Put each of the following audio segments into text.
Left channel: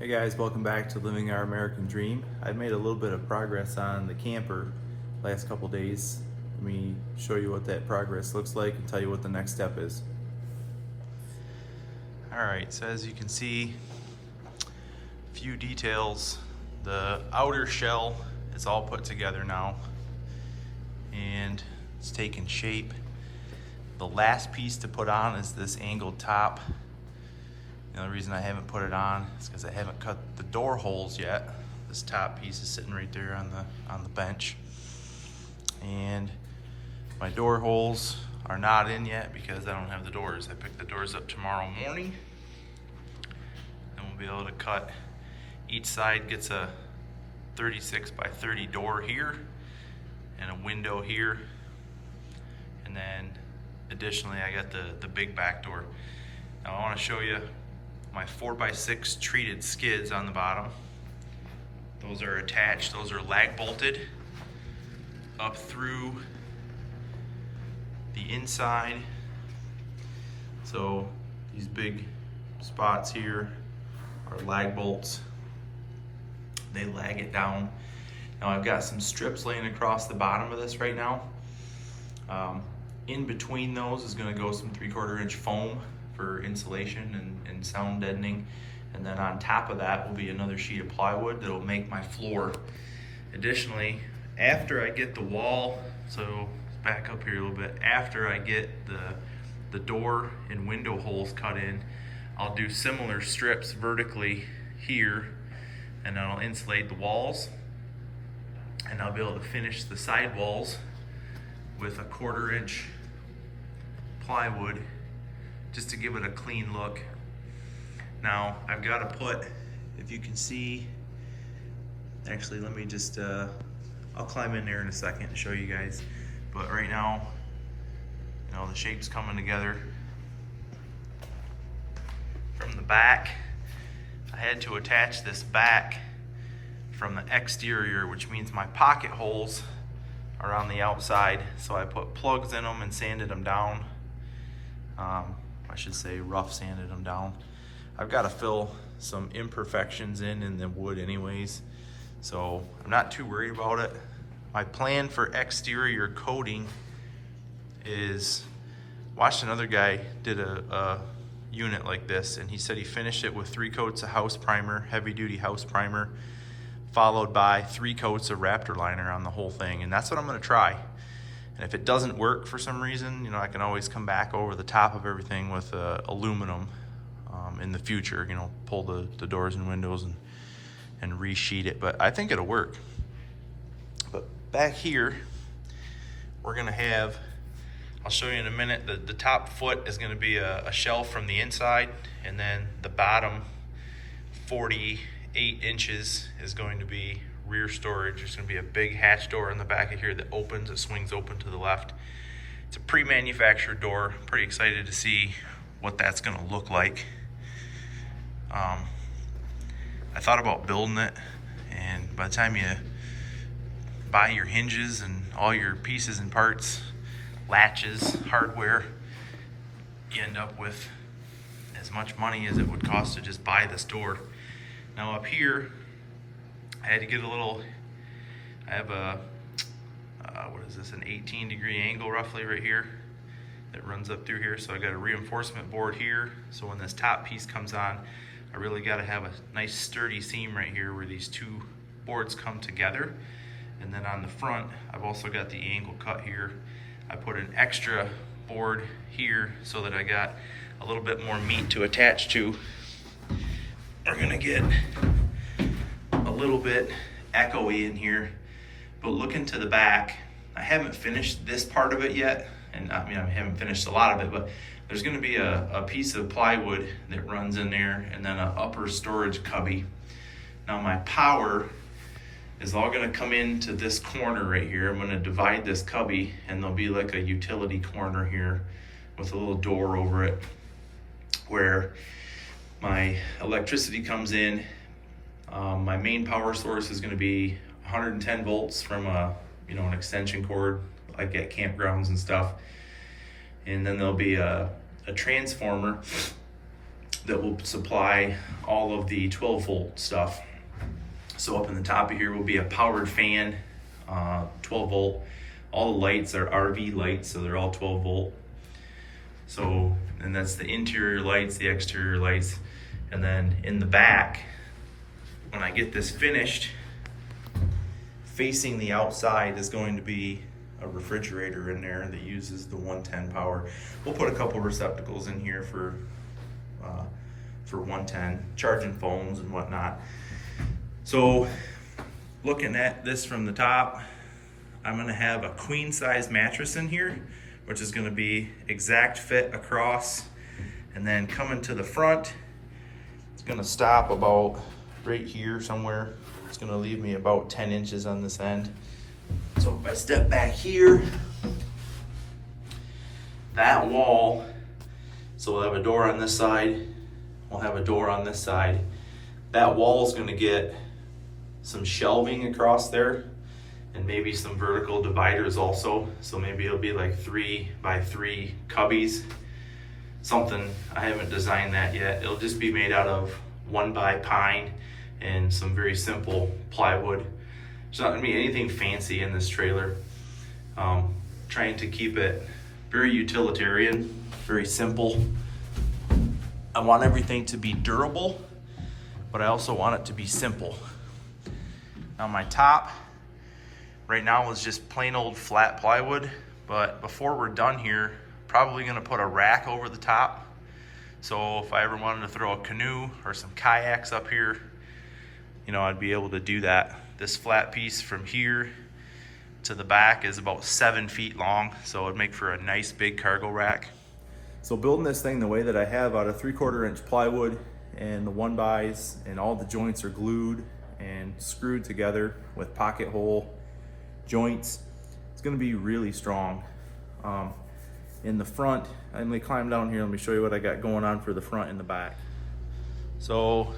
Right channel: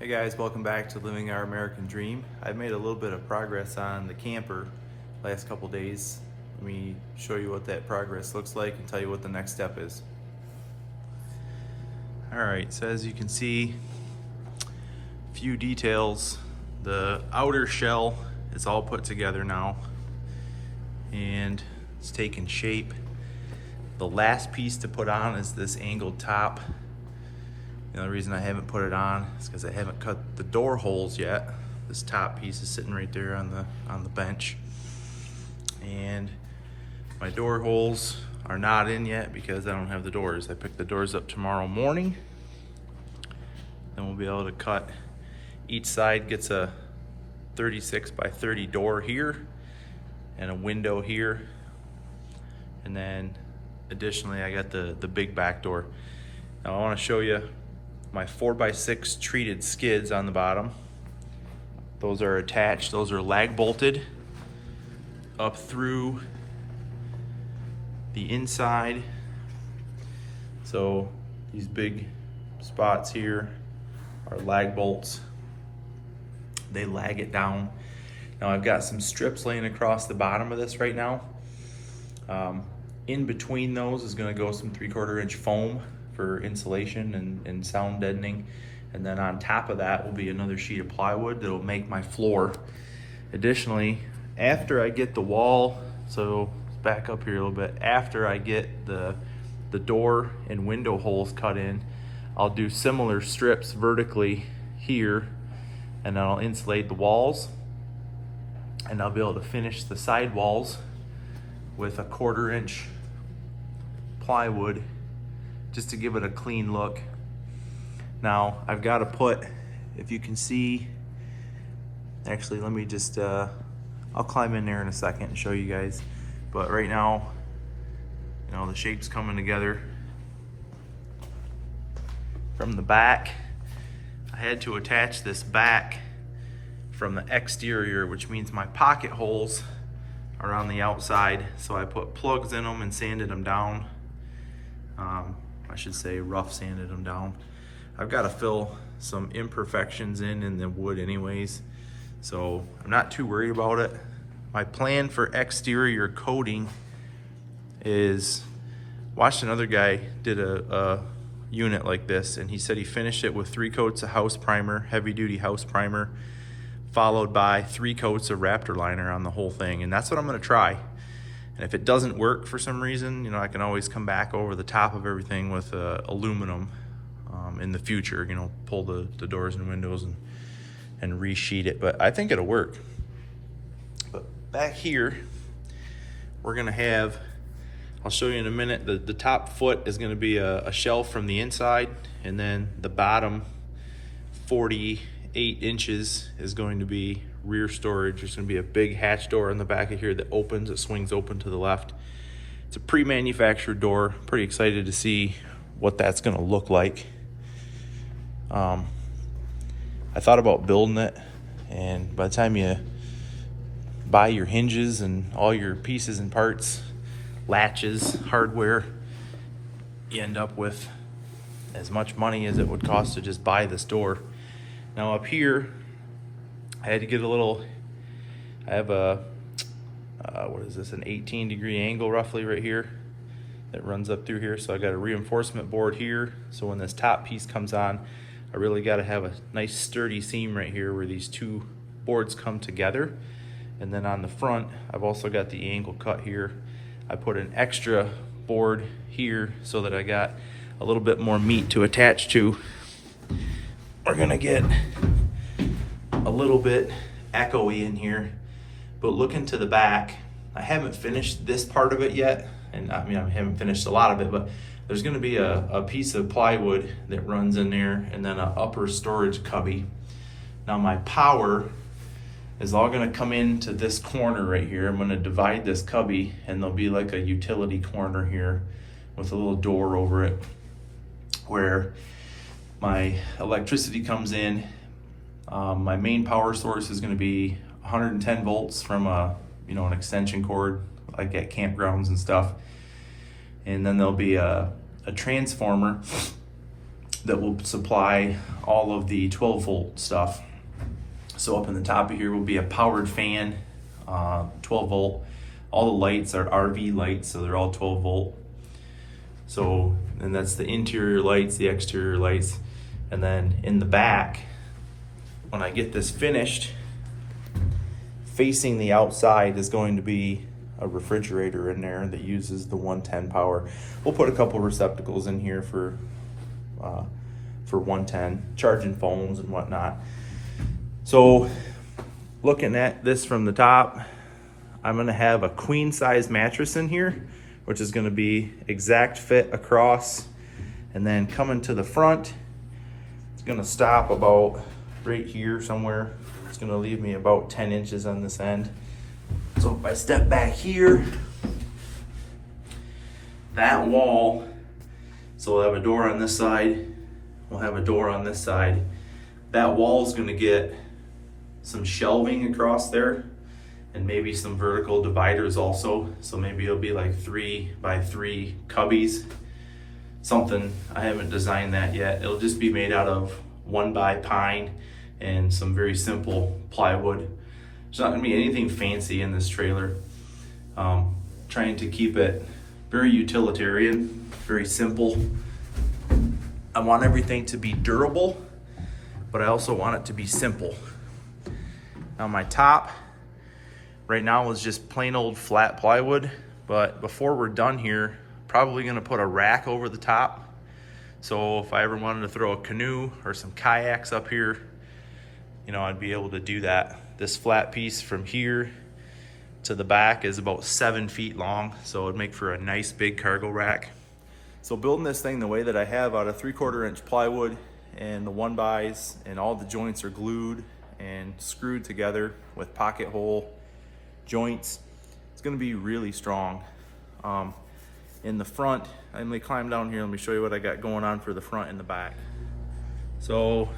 Hey guys, welcome back to Living Our American Dream. I've made a little bit of progress on the camper last couple days. Let me show you what that progress looks like and tell you what the next step is. Alright, so as you can see, a few details. The outer shell is all put together now and it's taken shape. The last piece to put on is this angled top. The only reason I haven't put it on is because I haven't cut the door holes yet. This top piece is sitting right there on the bench. And my door holes are not in yet because I don't have the doors. I pick the doors up tomorrow morning. Then we'll be able to cut. Each side gets a 36 by 30 door here and a window here. And then additionally, I got the big back door. Now I want to show you my 4x6 treated skids on the bottom. Those are attached, those are lag bolted up through the inside. So these big spots here are lag bolts. They lag it down. Now I've got some strips laying across the bottom of this right now. In between those is going to go some 3/4 inch foam for insulation and sound deadening. And then on top of that will be another sheet of plywood that'll make my floor. Additionally, after I get the wall, so back up here a little bit, after I get the door and window holes cut in, I'll do similar strips vertically here and I'll insulate the walls, and I'll be able to finish the side walls with a 1/4 inch plywood just to give it a clean look. Now I've got to put, if you can see, actually let me just I'll climb in there in a second and show you guys, but right now, you know, the shape's coming together. From the back, I had to attach this back from the exterior, which means my pocket holes are on the outside, so I put plugs in them and sanded them down. I should say rough sanded them down. I've got to fill some imperfections in the wood anyways, so I'm not too worried about it. My plan for exterior coating is, watched another guy did a unit like this, and he said he finished it with 3 coats of house primer, heavy duty house primer, followed by 3 coats of Raptor liner on the whole thing, and that's what I'm going to try. And if it doesn't work for some reason, you know, I can always come back over the top of everything with aluminum in the future, you know, pull the doors and windows and resheet it, but I think it'll work. But back here, we're gonna have, I'll show you in a minute, the top foot is gonna be a shelf from the inside, and then the bottom 48 inches is going to be rear storage. There's going to be a big hatch door in the back of here that opens, it swings open to the left. It's a pre-manufactured door. Pretty excited to see what that's going to look like. I thought about building it, and by the time you buy your hinges and all your pieces and parts, latches, hardware, you end up with as much money as it would cost to just buy this door. Now up here, I had to get a little, I have a, what is this, an 18-degree angle roughly right here that runs up through here. So I got a reinforcement board here. So when this top piece comes on, I really got to have a nice sturdy seam right here where these 2 boards come together. And then on the front, I've also got the angle cut here. I put an extra board here so that I got a little bit more meat to attach to. We're gonna get a little bit echoey in here, but looking to the back, I haven't finished this part of it yet, and I mean I haven't finished a lot of it, but there's going to be a piece of plywood that runs in there, and then an upper storage cubby. Now my power is all going to come into this corner right here. I'm going to divide this cubby, and there'll be like a utility corner here with a little door over it where my electricity comes in. My main power source is going to be 110 volts from an extension cord like at campgrounds and stuff. And then there'll be a transformer that will supply all of the 12-volt stuff. So up in the top of here will be a powered fan, 12 volt. All the lights are RV lights, so they're all 12 volt. So, and that's the interior lights, the exterior lights. And then in the back, when I get this finished, facing the outside is going to be a refrigerator in there that uses the 110 power. We'll put a couple receptacles in here for 110, charging phones and whatnot. So looking at this from the top, I'm gonna have a queen size mattress in here, which is gonna be exact fit across. And then coming to the front, it's gonna stop about right here somewhere. It's gonna leave me about 10 inches on this end. So if I step back here, that wall, so we'll have a door on this side, we'll have a door on this side. That wall is gonna get some shelving across there and maybe some vertical dividers also. So maybe it'll be like 3x3 cubbies. Something, I haven't designed that yet. It'll just be made out of 1x pine and some very simple plywood. There's not gonna be anything fancy in this trailer. Trying to keep it very utilitarian, very simple. I want everything to be durable, but I also want it to be simple. Now my top right now is just plain old flat plywood, but before we're done here, probably gonna put a rack over the top. So if I ever wanted to throw a canoe or some kayaks up here, you know, I'd be able to do that. This flat piece from here to the back is about 7 feet long, so it'd make for a nice big cargo rack. So building this thing the way that I have out of 3/4 inch plywood and the 1x's, and all the joints are glued and screwed together with pocket hole joints, it's gonna be really strong. In the front, let me climb down here, let me show you what I got going on for the front and the back. So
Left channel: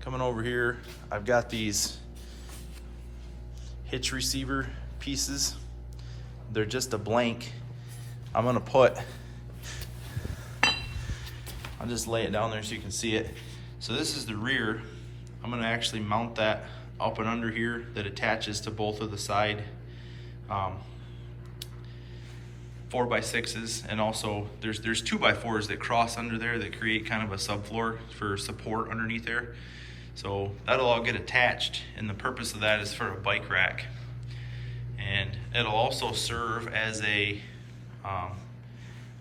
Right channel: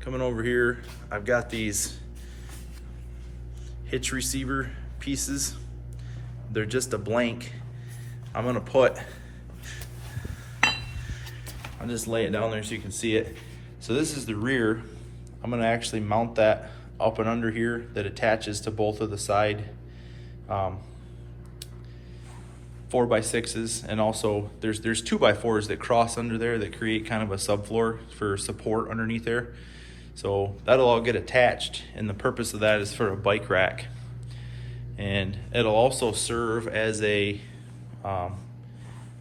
coming over here, I've got these hitch receiver pieces. They're just a blank. I'm gonna put, I'll just lay it down there so you can see it. So this is the rear. I'm gonna actually mount that up and under here that attaches to both of the side 4x6s, and also there's 2x4s that cross under there that create kind of a subfloor for support underneath there. So that'll all get attached, and the purpose of that is for a bike rack. And it'll also serve as a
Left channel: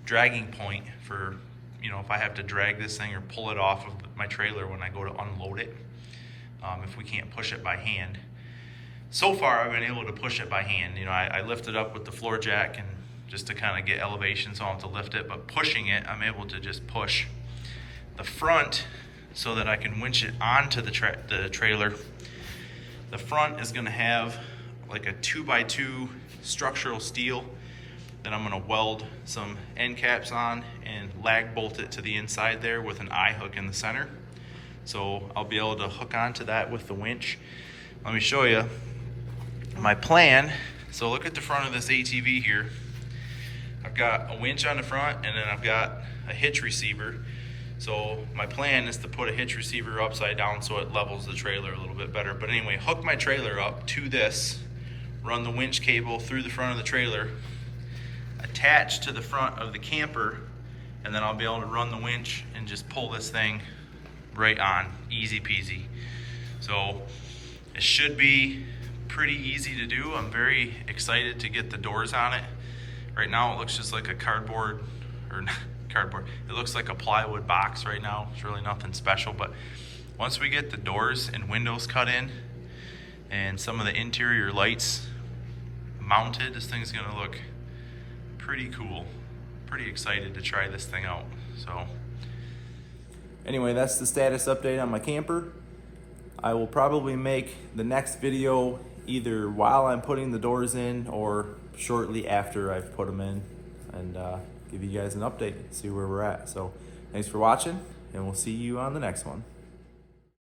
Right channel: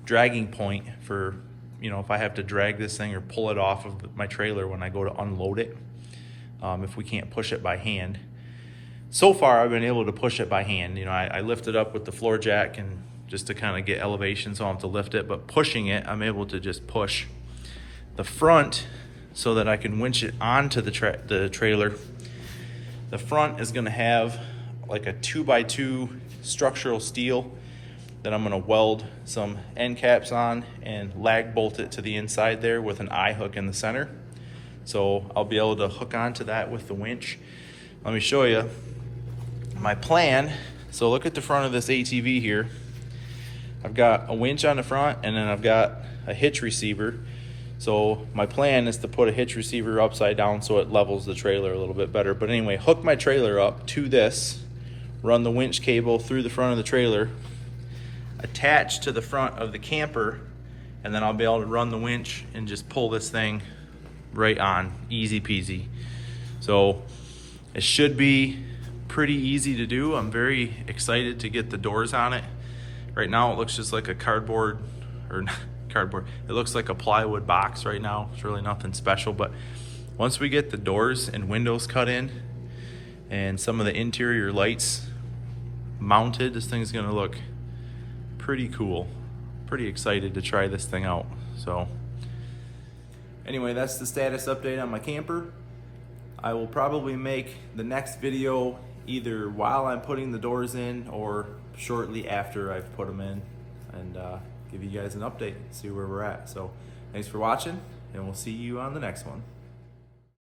dragging point for, you know, if I have to drag this thing or pull it off of my trailer when I go to unload it, if we can't push it by hand. So far I've been able to push it by hand. You know, I lift it up with the floor jack and just to kind of get elevation, so I don't have to lift it, but pushing it, I'm able to just push the front so that I can winch it onto the trailer. The front is gonna have like a 2x2 structural steel that I'm gonna weld some end caps on and lag bolt it to the inside there with an eye hook in the center. So I'll be able to hook onto that with the winch. Let me show you my plan. So look at the front of this ATV here. I've got a winch on the front, and then I've got a hitch receiver. So my plan is to put a hitch receiver upside down so it levels the trailer a little bit better. But anyway, hook my trailer up to this, run the winch cable through the front of the trailer, attach to the front of the camper, and then I'll be able to run the winch and just pull this thing right on, easy peasy. So it should be pretty easy to do. I'm very excited to get the doors on it. Right now it looks just like a cardboard, or not cardboard, it looks like a plywood box right now. It's really nothing special, but once we get the doors and windows cut in and some of the interior lights mounted, this thing's gonna look pretty cool. Pretty excited to try this thing out. So anyway, that's the status update on my camper. I will probably make the next video either while I'm putting the doors in or shortly after I've put them in, and give you guys an update, see where we're at. So thanks for watching, and we'll see you on the next one.